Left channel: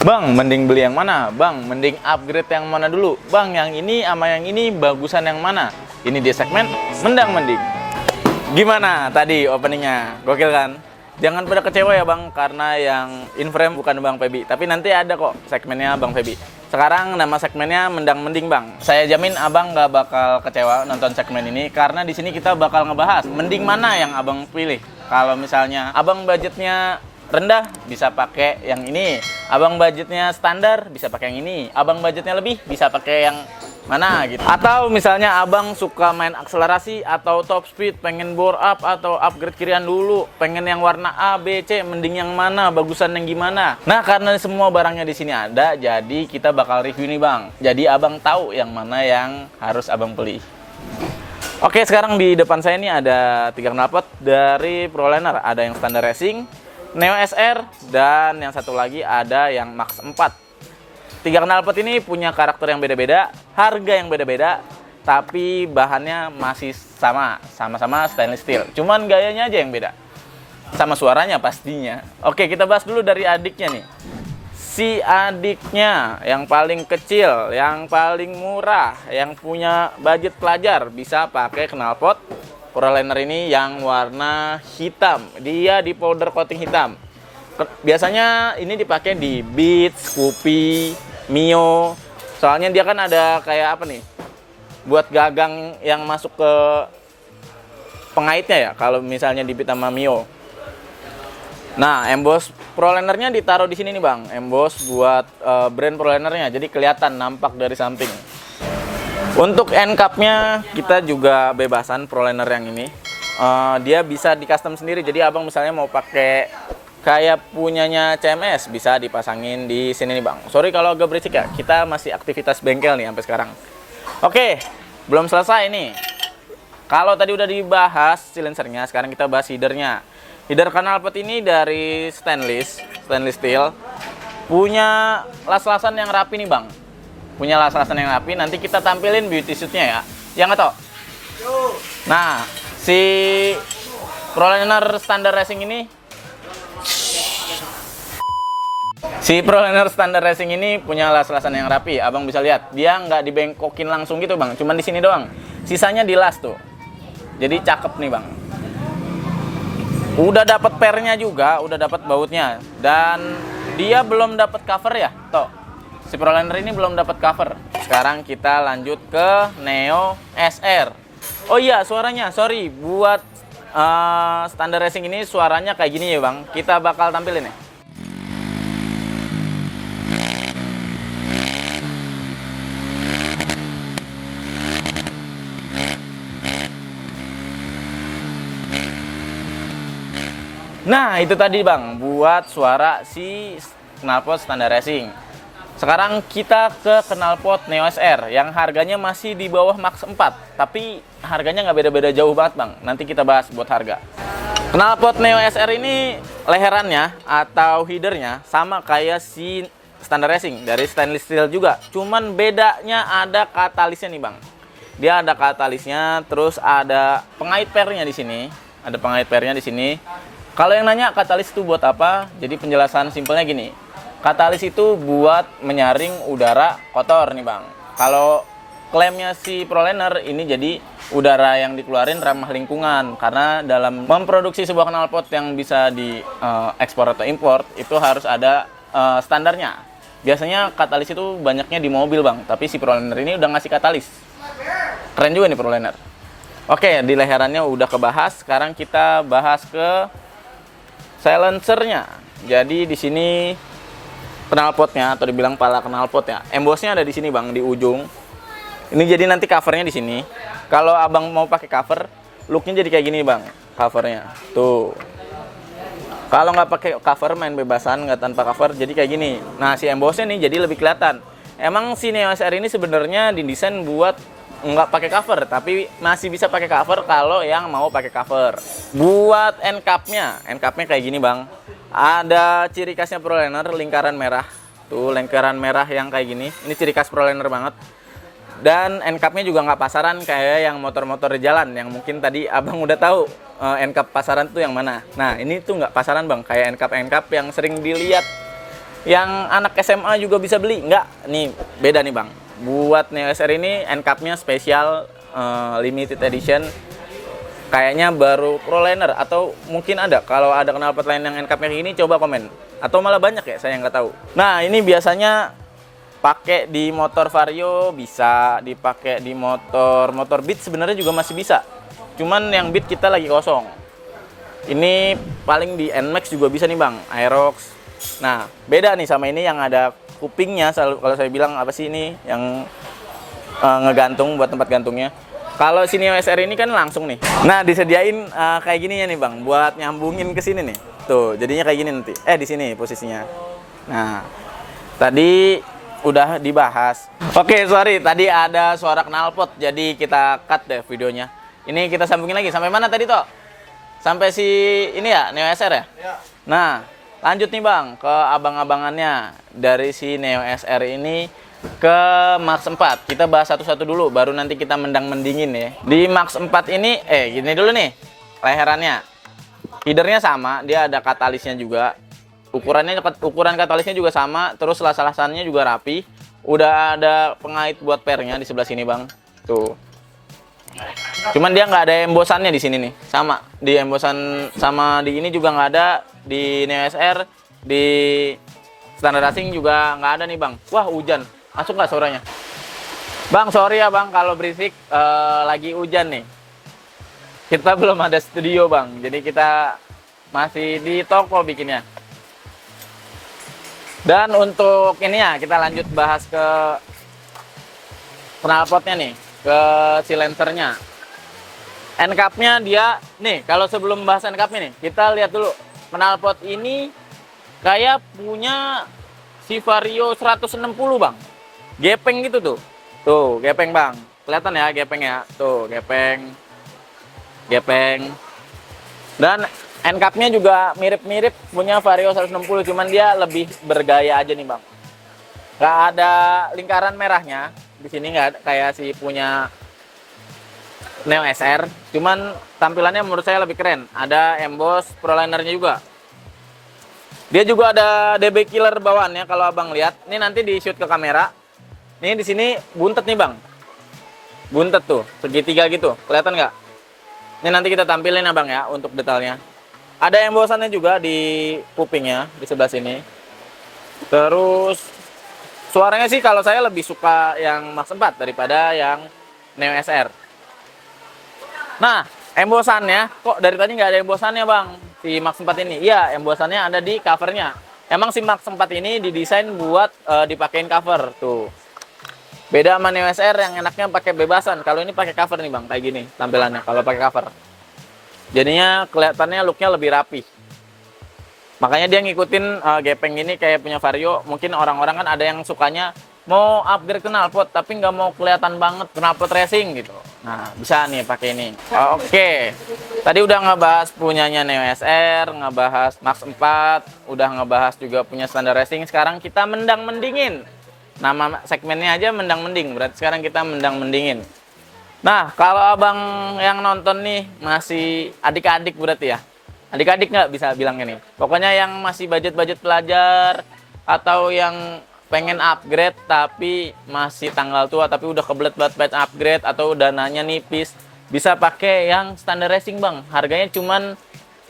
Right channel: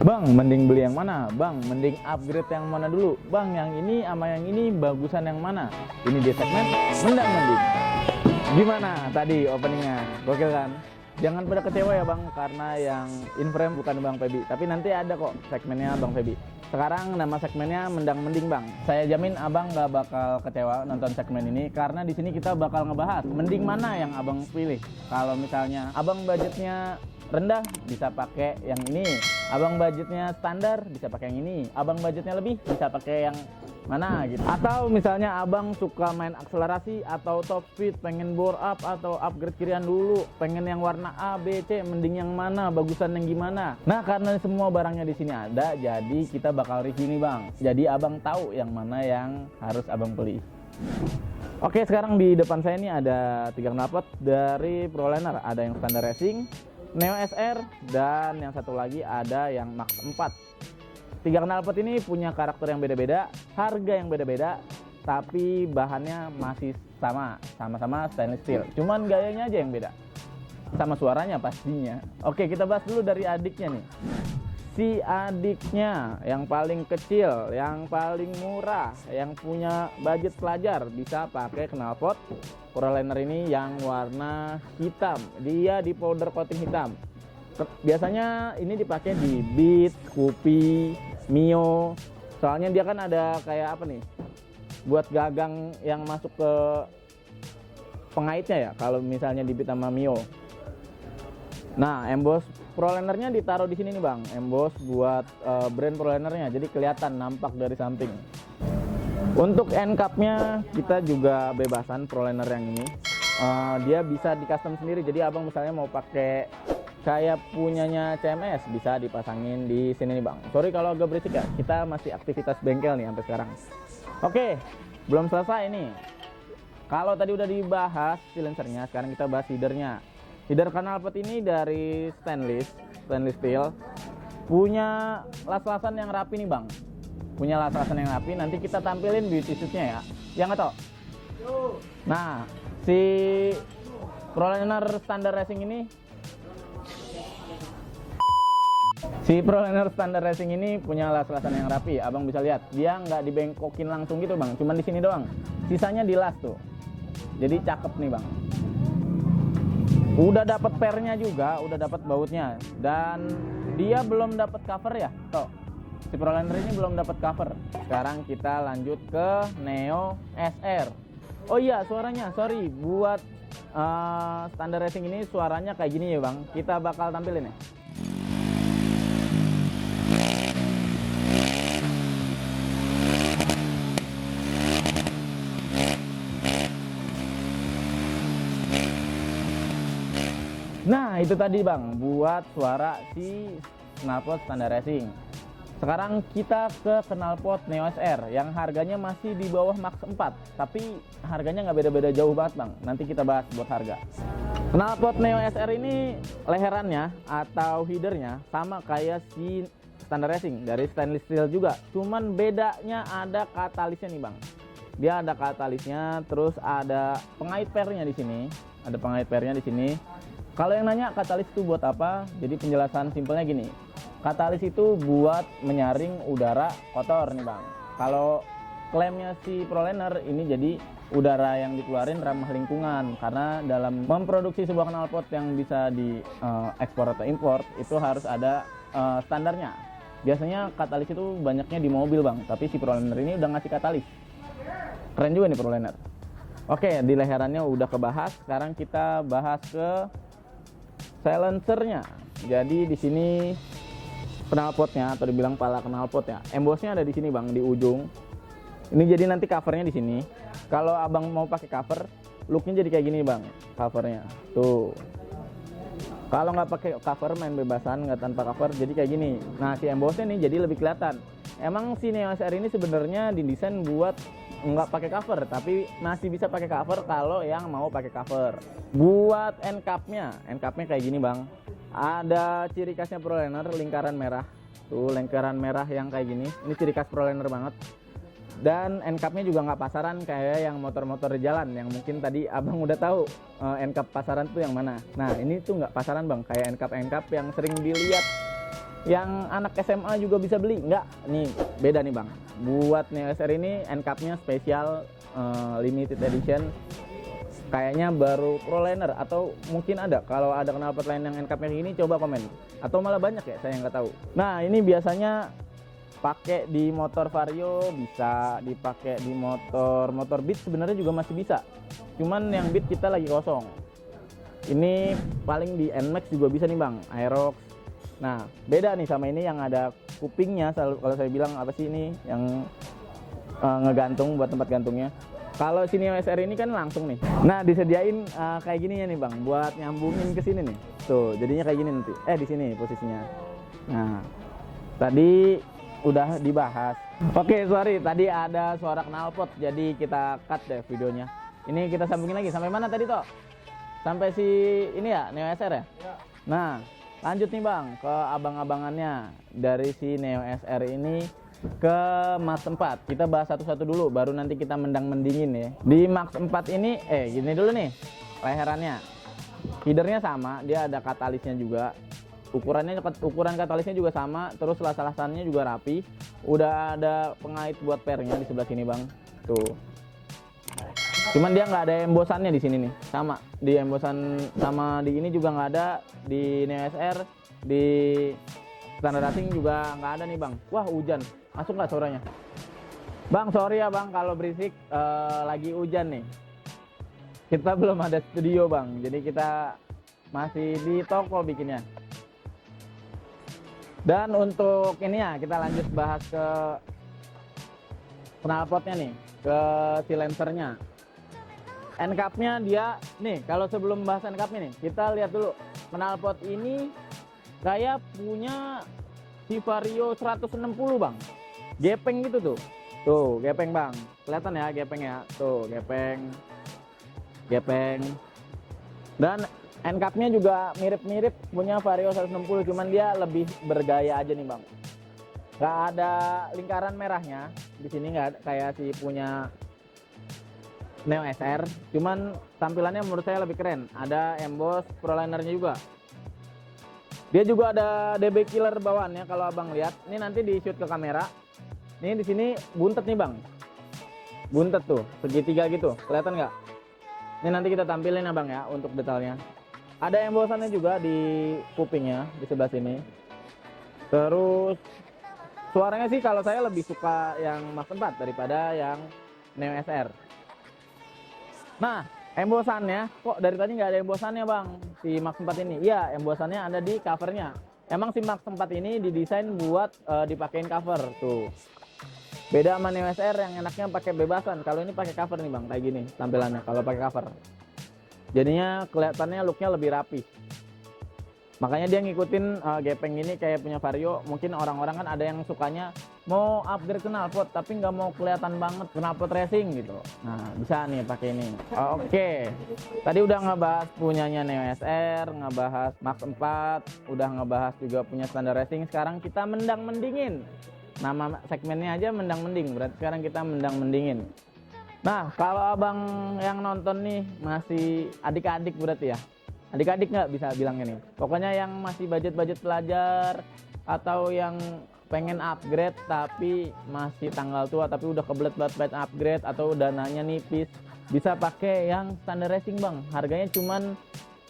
Bang, mending beli yang mana? Bang, mending upgrade yang mana dulu? Bang, yang ini sama yang ini bagusan yang mana? Ini di segmen Mendang Mending. Gimana tadi openingnya? Gokil kan? Jangan pada kecewa ya bang, karena yang in frame bukan Bang Febi. Tapi nanti ada kok segmennya Bang Febi. Sekarang nama segmennya Mendang Mending bang. Saya jamin abang gak bakal kecewa nonton segmen ini, karena di sini kita bakal ngebahas mending mana yang abang pilih. Kalau misalnya abang budgetnya rendah, bisa pakai yang ini. Abang budgetnya standar, bisa pakai yang ini. Abang budgetnya lebih, bisa pakai yang mana gitu. Atau misalnya abang suka main akselerasi atau top speed, pengen bore up atau upgrade kirian dulu, pengen yang warna A, B, C, mending yang mana, bagusan yang gimana. Nah, karena semua barangnya di sini ada, jadi kita bakal review nih bang. Jadi abang tahu yang mana yang harus abang beli. Oke, sekarang di depan saya ini ada 3 knalpot dari Proliner. Ada yang standar racing, Neo SR, dan yang satu lagi ada yang Max 4. 3 knalpot ini punya karakter yang beda-beda, harga yang beda-beda, tapi bahannya masih sama-sama stainless steel. Cuman gayanya aja yang beda, sama suaranya pastinya. Oke, kita bahas dulu dari adiknya nih. Si adiknya yang paling kecil, yang paling murah, yang punya budget pelajar, bisa pakai knalpot Proliner ini yang warna hitam. Dia di powder coating hitam. Biasanya ini dipakai di Beats, Scoopy, Mio. Soalnya dia kan ada kayak apa nih, buat gagang yang masuk ke pengaitnya ya, kalau misalnya di Beats sama Mio. Nah, emboss Prolinernya ditaruh di sini nih bang. Emboss buat brand Prolinernya, jadi kelihatan, nampak dari samping. Untuk end cap-nya kita juga bebasan Proliner yang ini. Dia bisa di custom sendiri. Jadi abang misalnya mau pakai kayak punyanya CMS, bisa dipasangin di sini nih bang. Sorry kalau agak berisik ya, kita masih aktivitas bengkel nih sampai sekarang. Oke, belum selesai nih. Kalau tadi udah dibahas silencernya, sekarang kita bahas headernya. Header knalpot ini dari stainless steel. Punya las-lasan yang rapi nih bang. Punya las-lasan yang rapi, nanti kita tampilin beauty suitnya ya. Yang atau? Nah, si Proliner standar racing ini punya las-lasan yang rapi. Abang bisa lihat, dia nggak dibengkokin langsung gitu bang, cuman di sini doang. Sisanya di las tuh. Jadi cakep nih bang. Udah dapat pernya juga, udah dapat bautnya, dan dia belum dapat cover ya. Tuh, si Proliner ini belum dapat cover. Sekarang kita lanjut ke Neo SR. Oh iya, suaranya, sorry, buat standar racing ini suaranya kayak gini ya bang. Kita bakal tampilin ya. Nah, itu tadi bang, buat suara si knalpot standar racing. Sekarang kita ke knalpot Neo SR yang harganya masih di bawah Max 4, tapi harganya nggak beda-beda jauh banget bang. Nanti kita bahas buat harga. Knalpot Neo SR ini leherannya atau headernya sama kayak si standar racing, dari stainless steel juga. Cuman bedanya ada katalisnya nih bang. Dia ada katalisnya, terus ada pengait pernya di sini. Ada pengait pernya di sini. Kalau yang nanya katalis itu buat apa? Jadi penjelasan simpelnya gini. Katalis itu buat menyaring udara kotor nih bang. Kalau klaimnya si Proliner ini, jadi udara yang dikeluarin ramah lingkungan. Karena dalam memproduksi sebuah knalpot yang bisa di ekspor atau import, itu harus ada standarnya. Biasanya katalis itu banyaknya di mobil bang, tapi si Proliner ini udah ngasih katalis. Keren juga nih Proliner. Oke, di leherannya udah kebahas. Sekarang kita bahas ke silencernya. Jadi di sini knalpotnya, atau dibilang pala knalpot ya. Embossnya ada di sini bang, di ujung. Ini jadi nanti covernya di sini. Kalau abang mau pakai cover, looknya jadi kayak gini bang, covernya. Tuh. Kalau nggak pakai cover, main bebasan nggak tanpa cover, jadi kayak gini. Nah, si embossnya nih jadi lebih kelihatan. Emang si Neo SR ini sebenarnya didesain buat nggak pakai cover, tapi masih bisa pakai cover kalau yang mau pakai cover. Buat end cap-nya kayak gini bang. Ada ciri khasnya Proliner, lingkaran merah. Tuh, lingkaran merah yang kayak gini. Ini ciri khas Proliner banget. Dan end cap-nya juga nggak pasaran kayak yang motor-motor di jalan, yang mungkin tadi abang udah tahu end cap pasaran tuh yang mana. Nah, ini tuh nggak pasaran bang, kayak end cap yang sering dilihat yang anak SMA juga bisa beli? Enggak, nih beda nih bang. Buat Neo SR ini end cap-nya spesial, limited edition. Kayaknya baru Proliner atau mungkin ada. Kalau ada knalpot lain yang end cap-nya ini coba komen. Atau malah banyak ya, saya nggak tahu. Nah ini biasanya pakai di motor Vario bisa, dipakai di motor Beat sebenarnya juga masih bisa. Cuman yang Beat kita lagi kosong. Ini paling di NMAX juga bisa nih bang, Aerox. Nah beda nih sama ini yang ada kupingnya. Kalau saya bilang apa sih ini yang ngegantung buat tempat gantungnya. Kalau sini SR ini kan langsung nih. Nah, disediain kayak gini ya nih, Bang, buat nyambungin ke sini nih. Tuh, jadinya kayak gini nanti. Di sini posisinya. Nah, tadi udah dibahas. Oke, sorry, tadi ada suara knalpot, jadi kita cut deh videonya. Ini kita sambungin lagi. Sampai mana tadi, Toh? Sampai si ini ya, Neo SR ya? Iya. Nah, lanjut nih, Bang, ke abang-abangannya. Dari si Neo SR ini ke Max 4. Kita bahas satu-satu dulu, baru nanti kita mendang-mendingin ya. Di Max 4 ini, gini dulu nih, leherannya. Feedernya sama, dia ada katalisnya juga. Ukuran katalisnya juga sama, terus las-lasannya juga rapi. Udah ada pengait buat pernya di sebelah sini, Bang. Tuh. Cuman dia nggak ada embosannya di sini nih. Sama, di embosan sama di ini juga nggak ada. Di Neo SR, di Standard Racing juga nggak ada nih, Bang. Wah, hujan. Masuk nggak suaranya? Bang, sorry ya bang kalau berisik, lagi hujan nih. Kita belum ada studio bang, jadi kita masih di toko bikinnya. Dan untuk ini ya, kita lanjut bahas ke knalpotnya nih, ke silencernya. End cap-nya dia, nih kalau sebelum bahas end cap-nya nih, kita lihat dulu. Knalpot ini kayak punya si Vario 160 bang. Gepeng gitu tuh. Tuh, gepeng bang. Kelihatan ya gepeng ya. Tuh, gepeng. Gepeng. Dan end cap-nya juga mirip-mirip punya Vario 160, cuman dia lebih bergaya aja nih bang. Gak ada lingkaran merahnya. Di sini nggak ada, kayak si punya Neo SR. Cuman tampilannya menurut saya lebih keren. Ada emboss Prolinernya juga. Dia juga ada DB killer bawaannya kalau abang lihat. Ini nanti di shoot ke kamera. Nih di sini buntet nih bang, buntet tuh segitiga gitu, kelihatan nggak? Ini nanti kita tampilin abang ya untuk detailnya. Ada embosannya juga di kupingnya di sebelah sini. Terus suaranya sih kalau saya lebih suka yang Max 4 daripada yang Neo SR. Nah embosannya kok dari tadi nggak ada embosannya bang si Max 4 ini? Iya embosannya ada di covernya. Emang si Max 4 ini didesain buat dipakein cover tuh. Beda sama Neo SR yang enaknya pakai bebasan. Kalau ini pakai cover nih bang, kayak gini tampilannya kalau pakai cover. Jadinya kelihatannya looknya lebih rapi. Makanya dia ngikutin gepeng ini kayak punya Vario. Mungkin orang-orang kan ada yang sukanya mau upgrade knalpot tapi nggak mau kelihatan banget knalpot racing gitu. Nah bisa nih pakai ini. Oke. Tadi udah ngebahas punyanya Neo SR, ngebahas Max 4, udah ngebahas juga punya Standard Racing. Sekarang kita mendang-mendingin. Nama segmennya aja mendang-mending, berarti sekarang kita mendang-mendingin. Nah, kalau abang yang nonton nih masih adik-adik berarti ya? Adik-adik nggak bisa bilang ini. Pokoknya yang masih budget-budget pelajar atau yang pengen upgrade tapi masih tanggal tua tapi udah kebelet banget upgrade atau dananya nipis, bisa pakai yang Standard Racing bang. Harganya cuman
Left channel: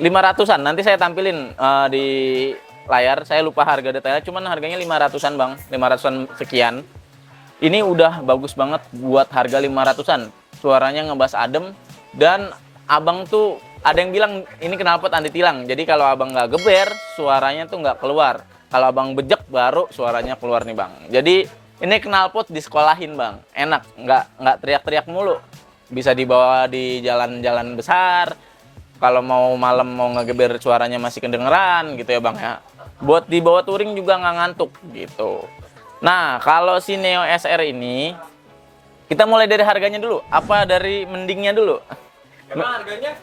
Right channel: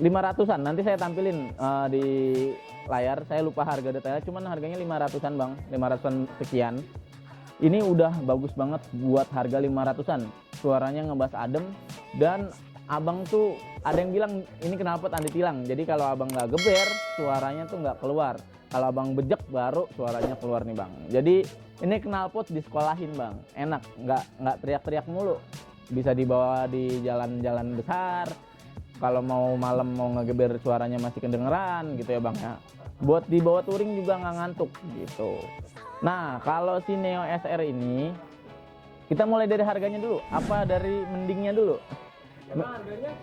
500-an. Nanti saya tampilin di layar, saya lupa harga detailnya, cuman harganya 500-an bang, 500-an sekian. Ini udah bagus banget buat harga 500-an. Suaranya ngebas adem dan abang tuh ada yang bilang ini knalpot anti tilang. Jadi kalau abang nggak geber, suaranya tuh nggak keluar. Kalau abang bejek baru suaranya keluar nih bang. Jadi ini knalpot disekolahin bang, enak, nggak teriak-teriak mulu. Bisa dibawa di jalan-jalan besar. Kalau mau malam mau ngegeber suaranya masih kedengeran gitu ya bang ya. Buat dibawa touring juga nggak ngantuk gitu. Nah kalau si Neo SR ini kita mulai dari harganya dulu. Apa dari mendingnya dulu? Emang harganya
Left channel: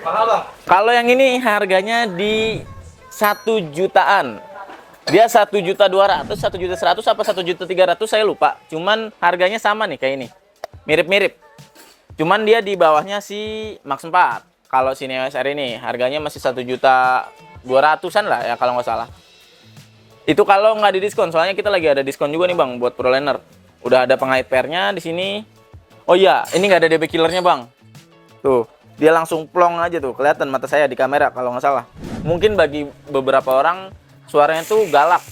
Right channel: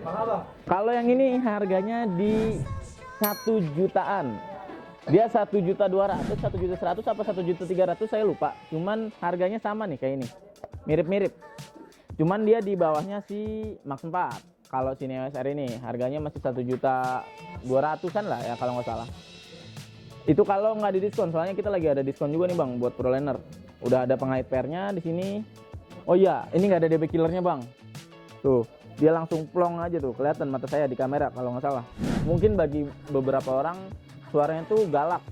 mahal bang? Kalau yang ini harganya di 1 jutaan. Dia 1.200.000, 1.100.000 apa 1.300.000 saya lupa. Cuman harganya sama nih kayak ini. Mirip-mirip. Cuman dia di bawahnya si Max 4. Kalau si Neo SR ini harganya masih 1.200.000-an lah ya kalau nggak salah. Itu kalau nggak di diskon, soalnya kita lagi ada diskon juga nih bang buat ProLiner. Udah ada pengait pairnya di sini. Oh iya, ini nggak ada DB killernya bang. Tuh, dia langsung plong aja tuh, kelihatan mata saya di kamera kalau nggak salah. Mungkin bagi beberapa orang suaranya tuh galak.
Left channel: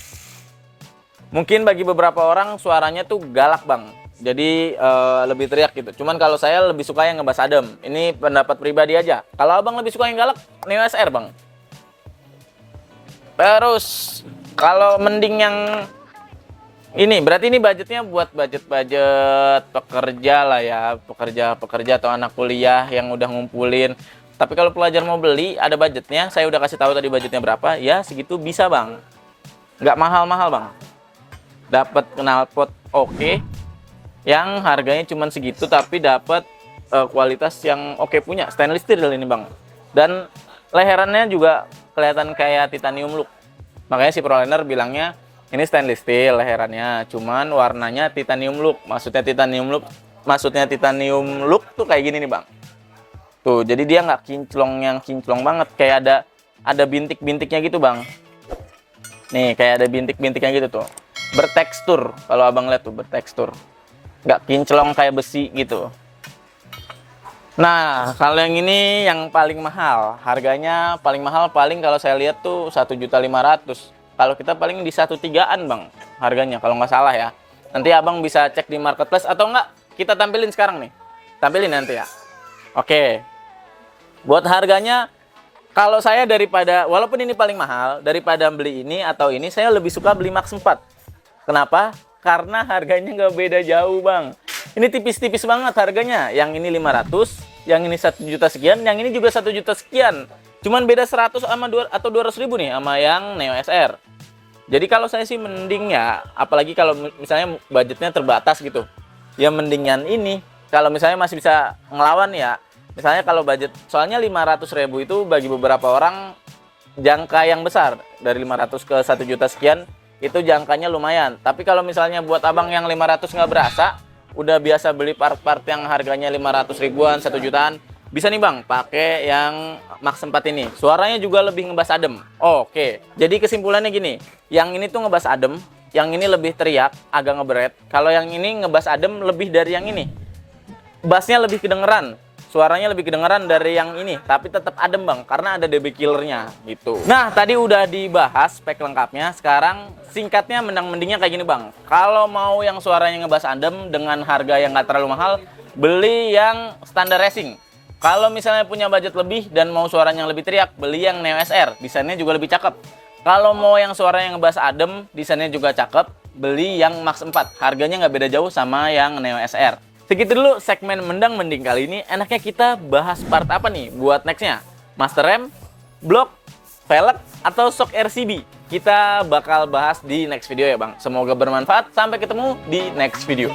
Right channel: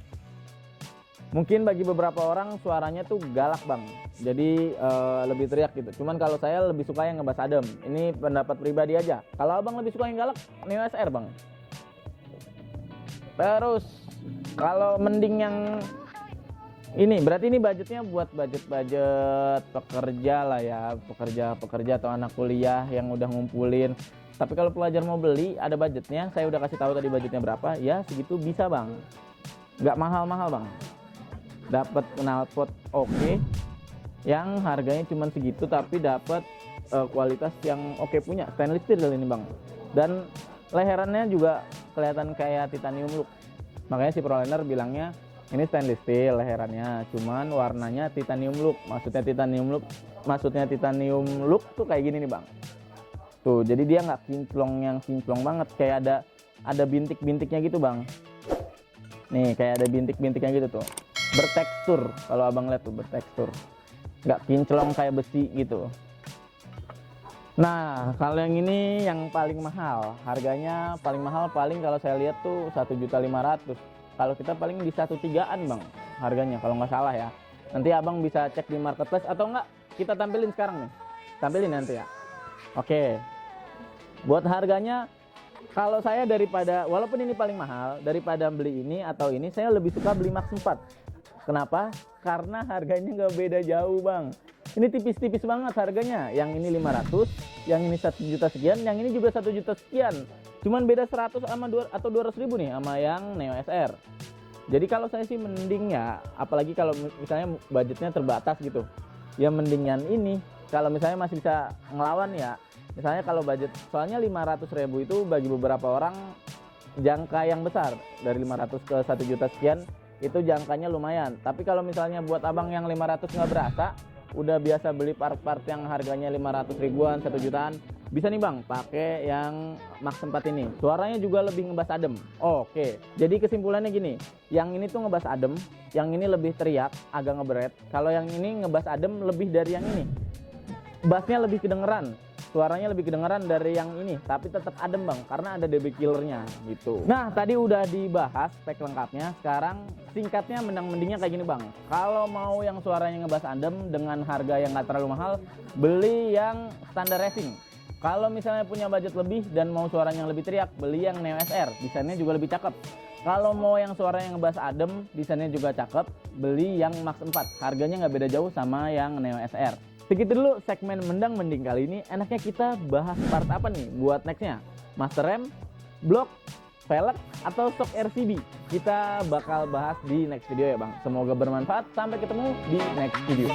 Mungkin bagi beberapa orang suaranya tuh galak bang. Jadi lebih teriak gitu. Cuman kalau saya lebih suka yang ngebass adem. Ini pendapat pribadi aja. Kalau abang lebih suka yang galak, Neo SR bang. Terus kalau mending yang ini, berarti ini budgetnya buat budget pekerja lah ya, pekerja atau anak kuliah yang udah ngumpulin. Tapi kalau pelajar mau beli, ada budgetnya. Saya udah kasih tahu tadi budgetnya berapa. Ya segitu bisa bang. Nggak mahal-mahal bang. Dapat knalpot oke, yang harganya cuma segitu tapi dapat kualitas yang oke punya. Stainless steel ini bang. Dan leherannya juga kelihatan kayak titanium look. Makanya si ProLiner bilangnya ini stainless steel leherannya, cuman warnanya titanium look. Maksudnya titanium look tuh kayak gini nih bang. Tuh, jadi dia nggak kinclong banget, kayak ada bintik-bintiknya gitu bang. Nih, kayak ada bintik-bintiknya gitu tuh. Bertekstur, kalau abang lihat tuh bertekstur. Nggak kinclong kayak besi gitu. Nah, kalau yang ini yang paling mahal, harganya paling mahal kalau saya lihat tuh 1.500.000. Kalau kita paling di 1.300.000 bang, harganya kalau nggak salah ya. Nanti abang bisa cek di marketplace atau enggak kita tampilin sekarang nih, tampilin nanti ya. Oke, buat harganya kalau saya walaupun ini paling mahal, daripada beli ini atau ini, saya lebih suka beli Max 4. Kenapa? Karena harganya nggak beda jauh bang. Ini tipis-tipis banget harganya. Yang ini 500, yang ini 1 juta sekian, yang ini juga 1 juta sekian. Cuman beda 100 sama 200 ribu nih sama yang Neo SR. Jadi kalau saya sih mending ya, apalagi kalau misalnya budgetnya terbatas gitu, ya mendingan ini. Kalau misalnya masih bisa ngelawan ya, misalnya kalau budget, soalnya 500.000 itu bagi beberapa orang jangka yang besar. Dari 500 ke 1 juta sekian, itu jangkanya lumayan. Tapi kalau misalnya buat abang yang 500 nggak berasa, udah biasa beli part-part yang harganya 500 ribuan, 1 jutaan, bisa nih bang pakai yang Max 4 ini. Suaranya juga lebih ngebass adem. Oke, jadi kesimpulannya gini, yang ini tuh ngebass adem, yang ini lebih teriak, agak ngeberet. Kalau yang ini ngebass adem lebih dari yang ini. Bassnya lebih kedengeran, suaranya lebih kedengeran dari yang ini, tapi tetap adem bang, karena ada DB killernya gitu. Nah, tadi udah dibahas spek lengkapnya. Sekarang singkatnya mending-mendingnya kayak gini bang. Kalau mau yang suaranya ngebass adem dengan harga yang nggak terlalu mahal, beli yang standar racing. Kalau misalnya punya budget lebih dan mau suaranya yang lebih teriak, beli yang Neo SR, desainnya juga lebih cakep. Kalau mau yang suaranya ngebass adem, desainnya juga cakep, beli yang Max 4. Harganya nggak beda jauh sama yang Neo SR. Segitu dulu segmen Mendang Mending kali ini. Enaknya kita bahas part apa nih buat nextnya? Master rem, blok, velg, atau shock RCB? Kita bakal bahas di next video ya bang. Semoga bermanfaat. Sampai ketemu di next video.